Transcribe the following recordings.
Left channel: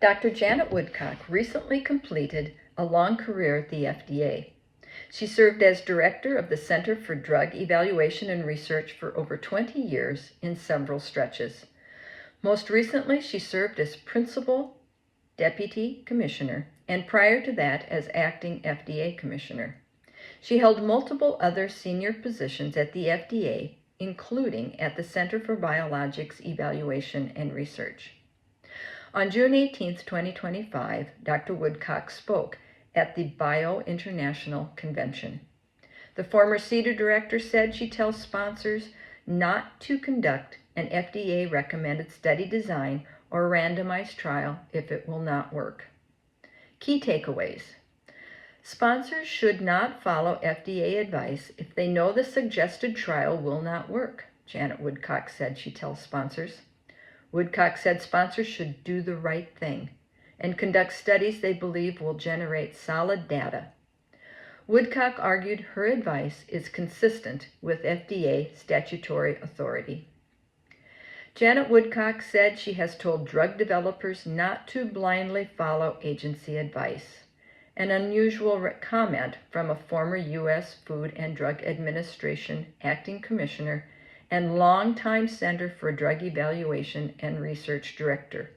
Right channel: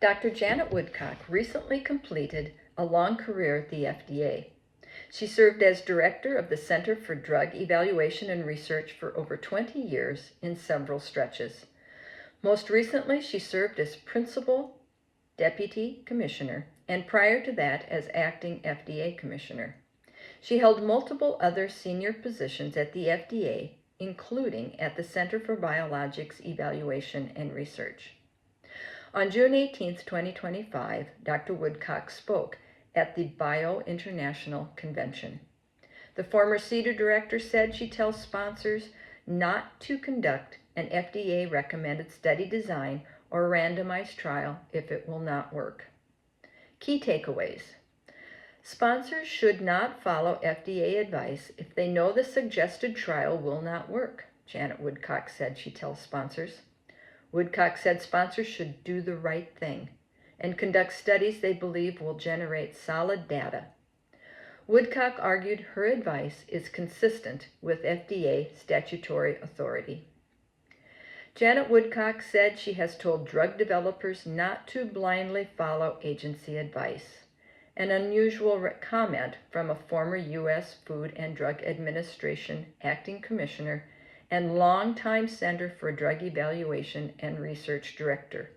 Dr. Janet Woodcock recently completed a long career at the FDA. She served as director of the Center for Drug Evaluation and Research for over 20 years in several stretches. Most recently, she served as principal deputy commissioner, and prior to that as acting FDA commissioner. She held multiple other senior positions at the FDA, including at the Center for Biologics Evaluation and Research. On June 18, 2025, Dr. Woodcock spoke at the Bio International Convention. The former CEDAR director said she tells sponsors not to conduct an FDA-recommended study design or randomized trial if it will not work. Key takeaways. Sponsors should not follow FDA advice if they know the suggested trial will not work, Janet Woodcock said she tells sponsors. Woodcock said sponsors should do the right thing and conduct studies they believe will generate solid data. Woodcock argued her advice is consistent with FDA statutory authority. Janet Woodcock said she has told drug developers not to blindly follow agency advice, an unusual comment from a former U.S. Food and Drug Administration acting commissioner and longtime Center for Drug Evaluation and Research director.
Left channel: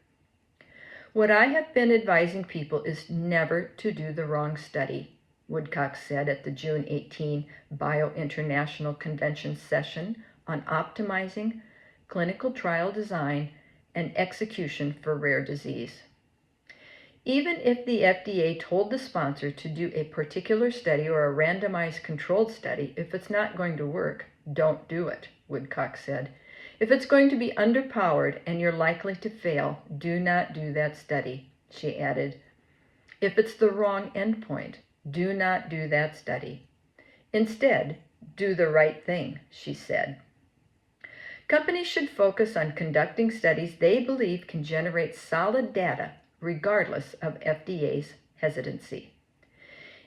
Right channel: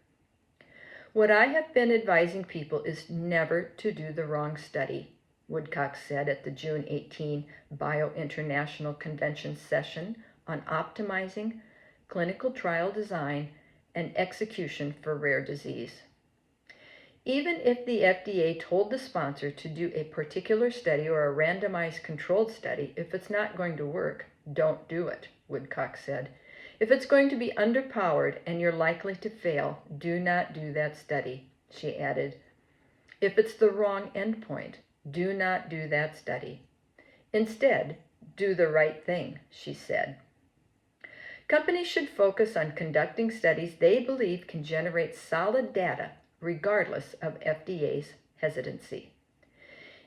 What I have been advising people is never to do the wrong study, Woodcock said at the June 18 Bio International Convention session on optimizing clinical trial design and execution for rare disease. Even if the FDA told the sponsor to do a particular study or a randomized controlled study, if it's not going to work, don't do it, Woodcock said. If it's going to be underpowered and you're likely to fail, do not do that study, she added. If it's the wrong endpoint, do not do that study. Instead, do the right thing, she said. Companies should focus on conducting studies they believe can generate solid data regardless of FDA's hesitancy.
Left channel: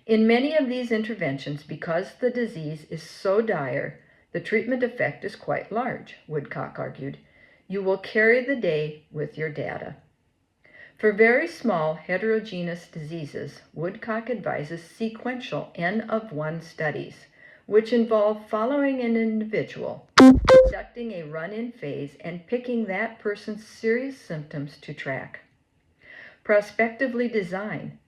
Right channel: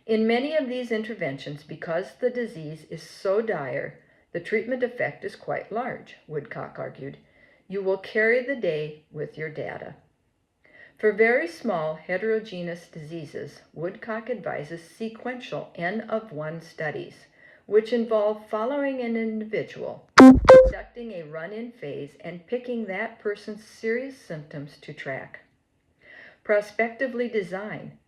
In many of these interventions, because the disease is so dire, the treatment effect is quite large, Woodcock argued. You will carry the day with your data. For very small heterogeneous diseases, Woodcock advises sequential N-of-1 studies, which involve following an individual, conducting a run-in phase, and picking that person's serious symptoms to track. Prospectively design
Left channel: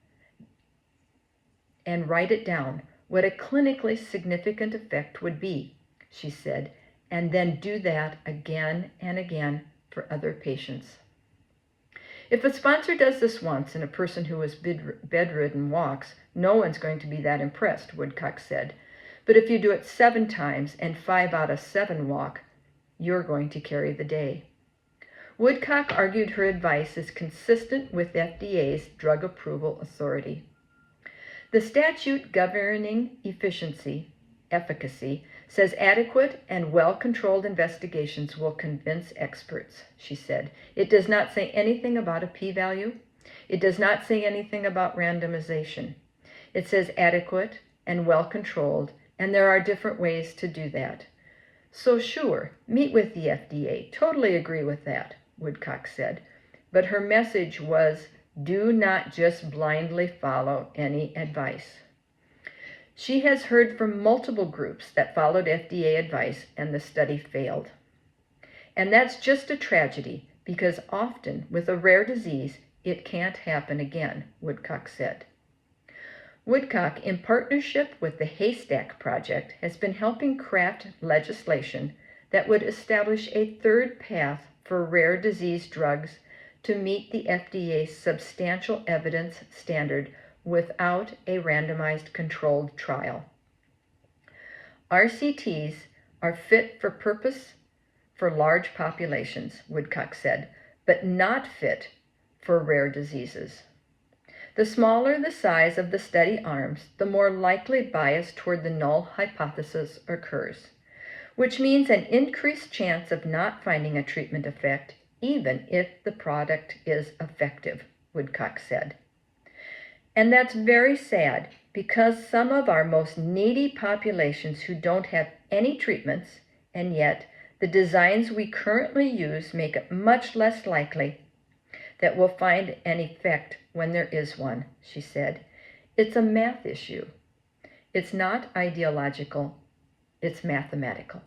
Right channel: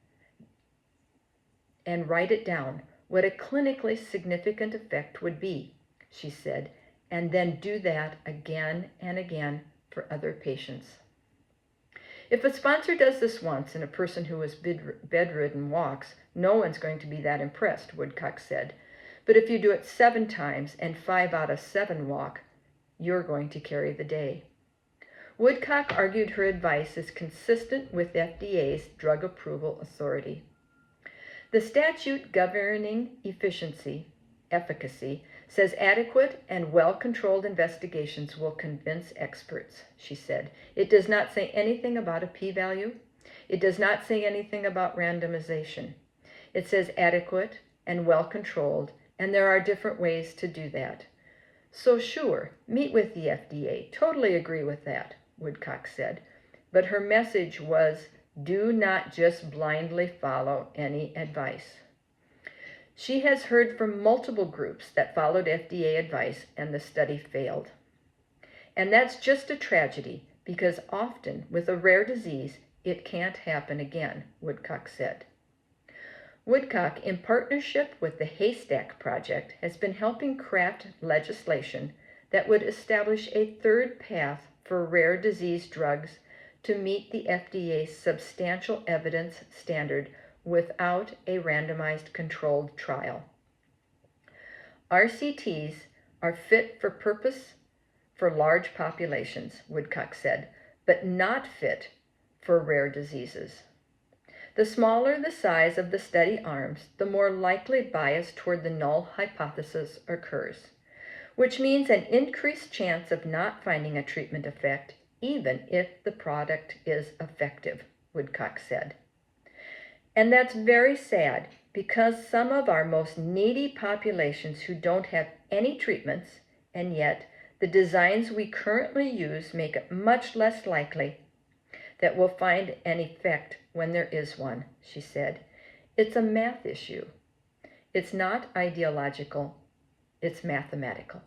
and write it down what a clinically significant effect would be, she said, and then do that again and again for other patients. If a sponsor does this once and a person who is bedridden walks, no one's going to be that impressed, Woodcock said. But if you do it 7 times and 5 out of 7 walk, you're going to carry the day. Woodcock argued her advice is consistent with FDA's drug approval authority. The statute governing efficacy, says adequate and well-controlled investigations will convince experts, she said. It does not say anything about a p-value. It does not say anything about randomization. It says adequate and well-controlled, and there are different ways to do that. So sure, meet with the FDA. Totally agree with that, Woodcock said. But her message was, do not just blindly follow any advice. She has heard from multiple groups that followed FDA advice and the study failed. And that's just a tragedy because often with a rare disease, it can't happen again, Woodcock said. Woodcock, in partnership with the Haystack Project, has been helping craft legislation that would establish a third path for rare disease drugs to meet the FDA's substantial evidence standard without a randomized controlled trial. RCTs are fit for purpose for large populations, Woodcock said, but not fit for rare diseases. The smaller the size of the study arms, the more likely bias toward the null hypothesis occurs, which means an increased chance of not finding a treatment effect, even if the product is effective, Woodcock said. And that's very sad because some of our most needy populations who don't have any treatments, and yet the designs we currently use make it much less likely that will find an effect when there is one, she said. It's a math issue. It's not ideological, it's mathematical.